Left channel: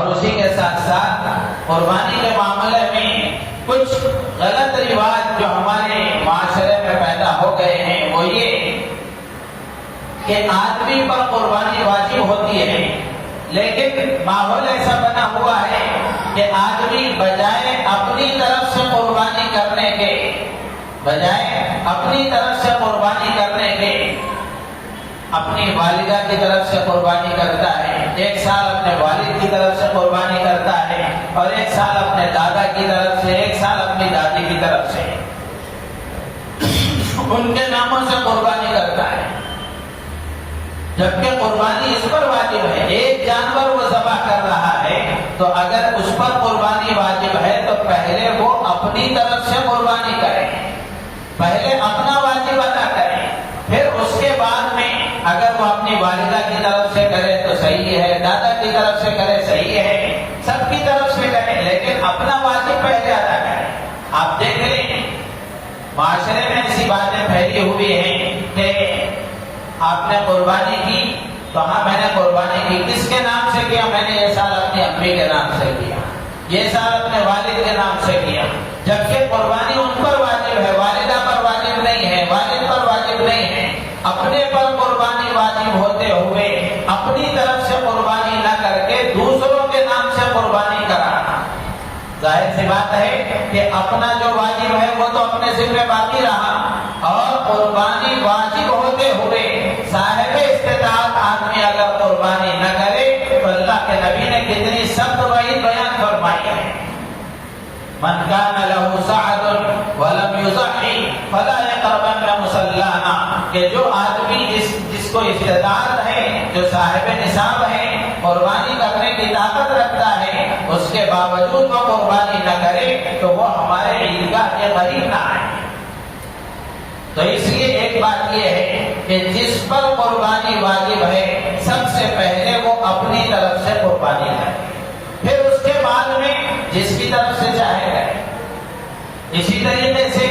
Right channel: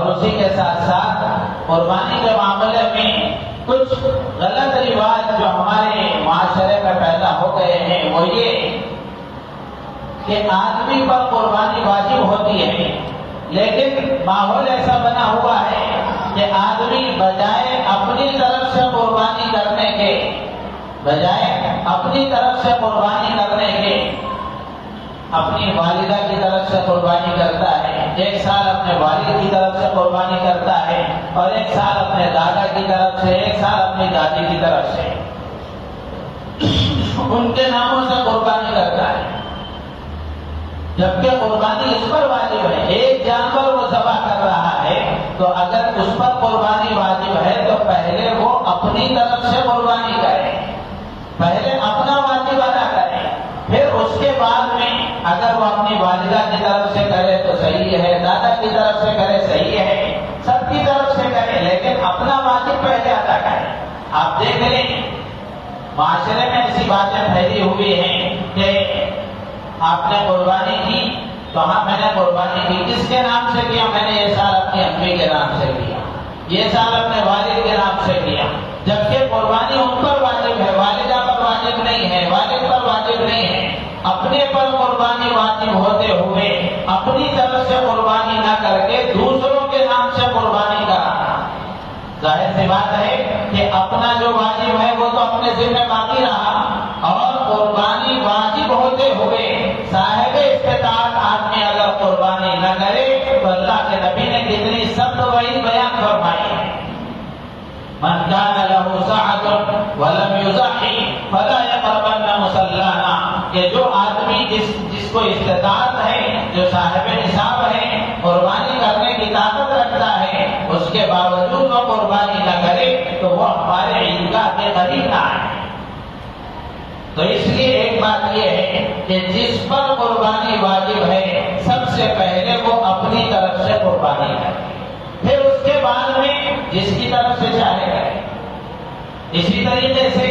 اور اسی کے ساتھ ساتھ قربانی کے معاملے میں کچھ غلط رواج جو ہمارے معاشرے میں پیدا ہو گئے ہیں وہ یہ کہ آدمی پر قربانی واجب ہوتی ہے، لیکن ماحول ایسا بنا ہوا ہے کہ آدمی بجائے اپنی طرف سے قربانی کرنے کے اپنی والدہ کی طرف سے قربانی کرتا ہے، ایک سال اپنے والد کی طرف سے قربانی کرتا ہے، اور ایک سال اپنے دادا کی طرف سے، ایک سال اپنی دادی کی طرف سے ان کے ناموں سے قربانی کرتا ہے، جبکہ قربانی اس پر واجب ہے۔ ایک جانور وہ ذبح کر رہا ہے تو اگر اس پر قربانی واجب ہے تو پہلے وہ اپنی طرف سے قربانی کرے، پہلے اپنا واجب ادا کرے، پھر اس کے بعد میں اگر وہ اپنی والدہ کی طرف سے کرے تو صحیح ہے، دادا کی طرف سے کرے صحیح ہے، سب کی طرف سے کرے، لیکن اپنا واجب پہلے ادا کرے۔ آپ دیکھ لیں معاشرے میں ایسی باتیں پھیلی ہوئی ہیں کہ آپ نے قربانی کی تو ہاں میں نے قربانی کی، کس کے نام سے کیا؟ میں نے یہ سال اپنی امی کے نام سے کیا، یہ سال اپنے والد کے نام سے کیا، جبکہ قربانی ان پر واجب ہے، والدہ پر واجب نہیں ہے، والد پر واجب نہیں ہے۔ اپنے پر قربانی واجب ہوتے ہوئے اپنی طرف سے قربانی نہ کر کے دوسروں کے نام سے قربانی کرانا، ظاہر سی بات ہے کہ اپنا جو واجب ہے وہ تو اپنے ذمہ باقی رہا، اور قربانی واجب ہوتے ہوئے صاحب استطاعت آدمی اگر قربانی نہ کرے تو اللہ کے نبی نے کتنی سخت وعید بیان فرمائی ہے، من کان لہ سعۃ ولم یضحی فلا یقربن مصلانا، کہ جو آدمی جس کو استطاعت ہے، جو صاحب نصاب ہے، قربانی کرنے کی طاقت رکھتا ہے، اس کے باوجود وہ قربانی نہ کرے تو وہ ہمارے عیدگاہ کے قریب نہ آئے۔ تو اس لیے ایک بات یہ ہے کہ جس پر قربانی واجب ہے سب سے پہلے وہ اپنی طرف سے قربانی کرے، پھر اس کے بعد میں جس کی طرف سے چاہے گئے۔ اسی طریقے سے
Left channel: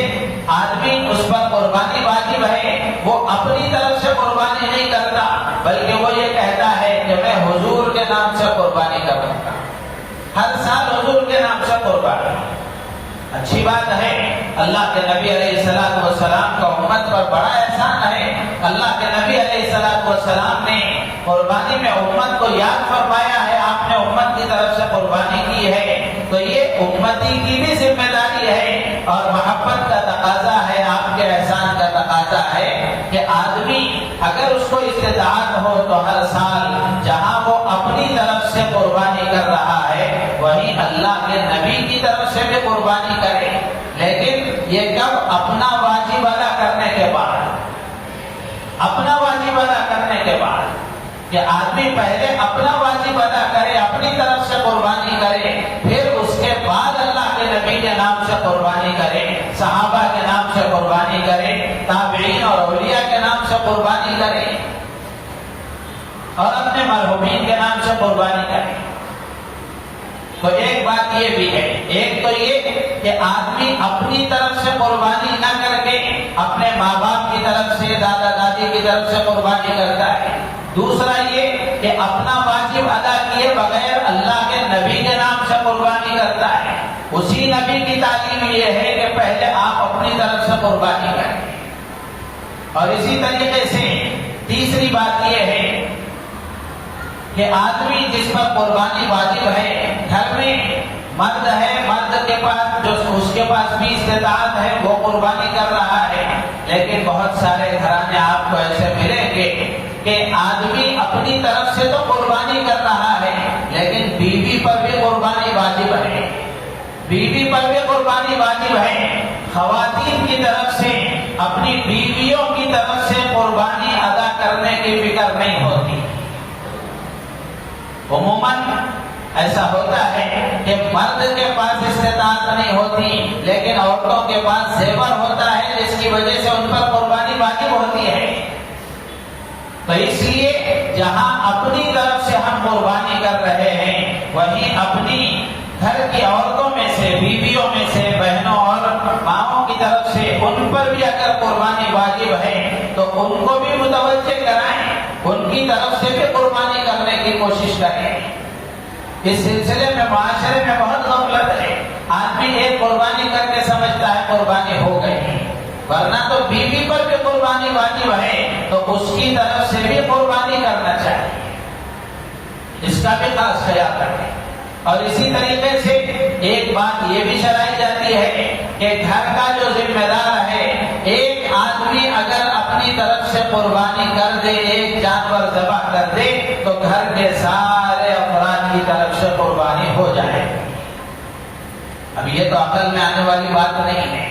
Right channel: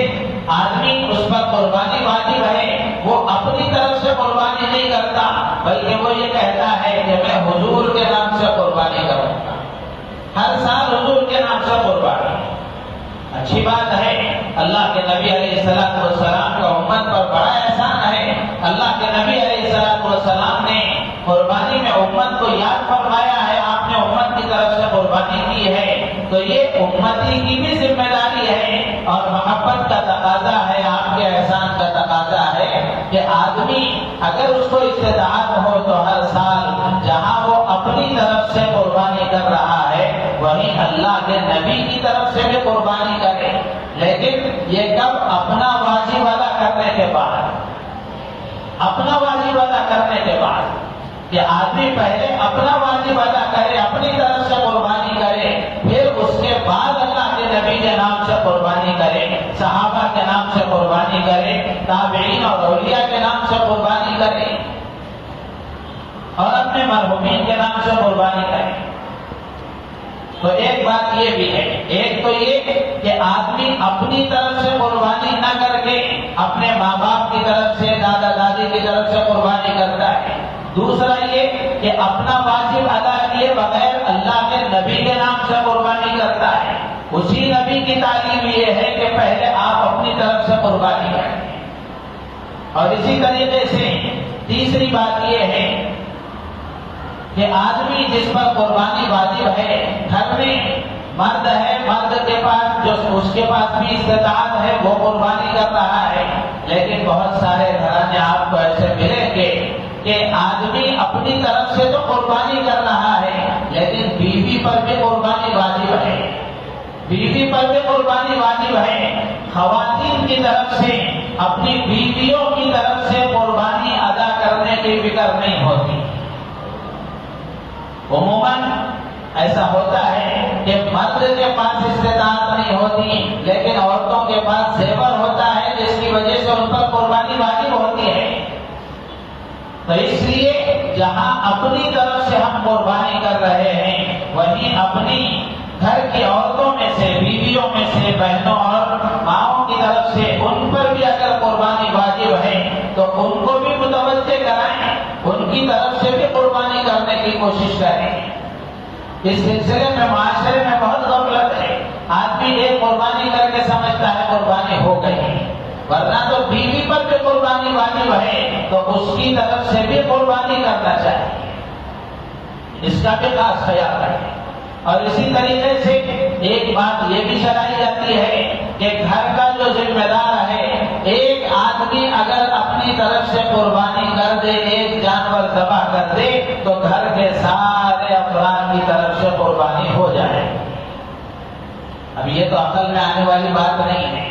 آدمی اس پر قربانی واجب ہے، وہ اپنی طرف سے قربانی نہیں کرتا، بلکہ وہ یہ کہتا ہے کہ میں حضور کے نام سے قربانی کروں گا، ہر سال حضور کے نام سے قربانی۔ اچھی بات ہے، اللہ کے نبی علیہ السلام کا امت پر بڑا احسان ہے، اللہ کے نبی علیہ السلام نے قربانی میں امت کو یاد فرمایا ہے، آپ نے امت کی طرف سے قربانی کی ہے، تو یہ امتی کی بھی ذمہ داری ہے اور محبت کا تقاضا ہے، آپ کے احسان کا تقاضا ہے کہ آدمی اگر اس کو استطاعت ہو تو ہر سال جہاں وہ اپنی طرف سے قربانی کر رہا ہے وہیں اللہ کے نبی کی طرف سے بھی قربانی کرے، لیکن یہ کب؟ اپنا واجب ادا کرنے کے بعد، اپنا واجب ادا کرنے کے بعد، کہ آدمی پہلے اپنا واجب ادا کرے، اپنی طرف سے قربانی کرے، پھر اس کے بعد اللہ کے نبی کے نام سے قربانی کرے، صحابہ کے نام سے قربانی کرے، تابعین اور اولیاء کے نام سے قربانی کرے، اور اپنے مرحومین کے نام سے قربانی کرے۔ تو ایک بات یہ بھی ہے، ایک تو یہ کہ آدمی اپنی طرف سے قربانی نہ کر کے اپنے ماں باپ کی طرف سے، دادا دادی کی طرف سے قربانی کرتا ہے، دوسرا یہ کہ اپنا واجب ادا کیے بغیر اللہ کے نبی کے نام سے قربانی کرتا ہے۔ اسی نبی کی تعلیم یہ ہے کہ پہلے آپ اپنی طرف سے قربانی کریں۔ اور اسی طریقے سے تیسری بات یہ ہے کہ آدمی جس پر قربانی واجب ہے، گھر میں مرد ہے، مرد کے پاس جو اس کے پاس بھی استطاعت ہے وہ قربانی کر رہا ہے، لیکن بہت سارے گھرانے آپ کو ایسے ملیں گے کہ آدمی اپنی طرف سے تو قربانی کر رہا ہے لیکن بیوی پر بھی قربانی واجب ہے، بیوی پر بھی قربانی واجب ہے۔ خواتین کی طرف سے اپنی بیویوں کی طرف سے قربانی ادا کرنے کی فکر نہیں ہوتی۔ عموماً ایسا ہوتا ہے کہ مرد کے پاس استطاعت نہیں ہوتی لیکن عورتوں کے پاس زیور ہوتا ہے جس کی وجہ سے ان پر قربانی واجب ہوتی ہے۔ تو اس لیے جہاں اپنی طرف سے ہم قربانی کر رہے ہیں وہیں اپنی گھر کی عورتوں میں سے، بیویوں میں سے، بہنوں اور ماؤں کی طرف سے ان پر بھی اگر قربانی واجب ہے تو ان کو بھی متوجہ کرائیں، ان کی طرف سے بھی قربانی کرنے کی کوشش کریں۔ اس سلسلے میں معاشرے میں بہت غفلت ہے. آدمی ایک قربانی کر کے سمجھتا ہے قربانی ہو گئی، ورنہ تو بیوی پر بھی قربانی واجب ہے تو اس کی طرف سے بھی قربانی کرنا چاہیے. اس کا بھی خاص خیال رکھیں. اور اسی طریقے سے ایک بات یہ بھی شرعی جاتی ہے کہ گھر کا جو ذمہ دار ہے، ایک آدمی اگر اپنی طرف سے قربانی کر دے، ایک جانور ذبح کر دے، تو گھر کے سارے افراد کی طرف سے قربانی ہو جائے. اب یہ تو عقل میں آنے والی بات نہیں ہے.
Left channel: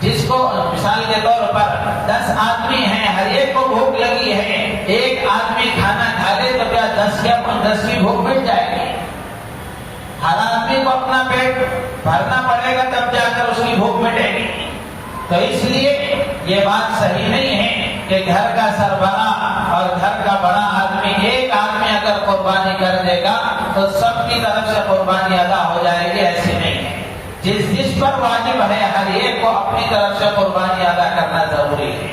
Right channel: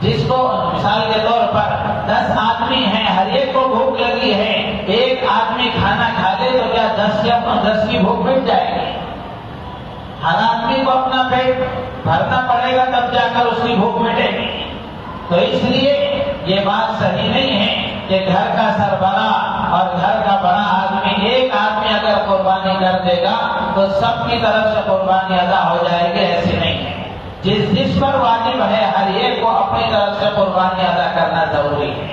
جس کو مثال کے طور پر 10 آدمی ہیں، ہر ایک کو بھوک لگی ہے، ایک آدمی کھانا کھا لے تو کیا 10 کی بھوک مٹ جائے گی؟ ہر آدمی کو اپنا پیٹ بھرنا پڑے گا تب جا کر اس کی بھوک مٹے گی. تو اس لیے یہ بات صحیح نہیں ہے کہ گھر کا سربراہ اور گھر کا بڑا آدمی، ایک آدمی اگر قربانی کر دے گا تو سب کی طرف سے قربانی ادا ہو جائے گی. ایسے نہیں ہے. جس پر واجب ہے ہر ایک کو اپنی طرف سے قربانی ادا کرنا ضروری ہے.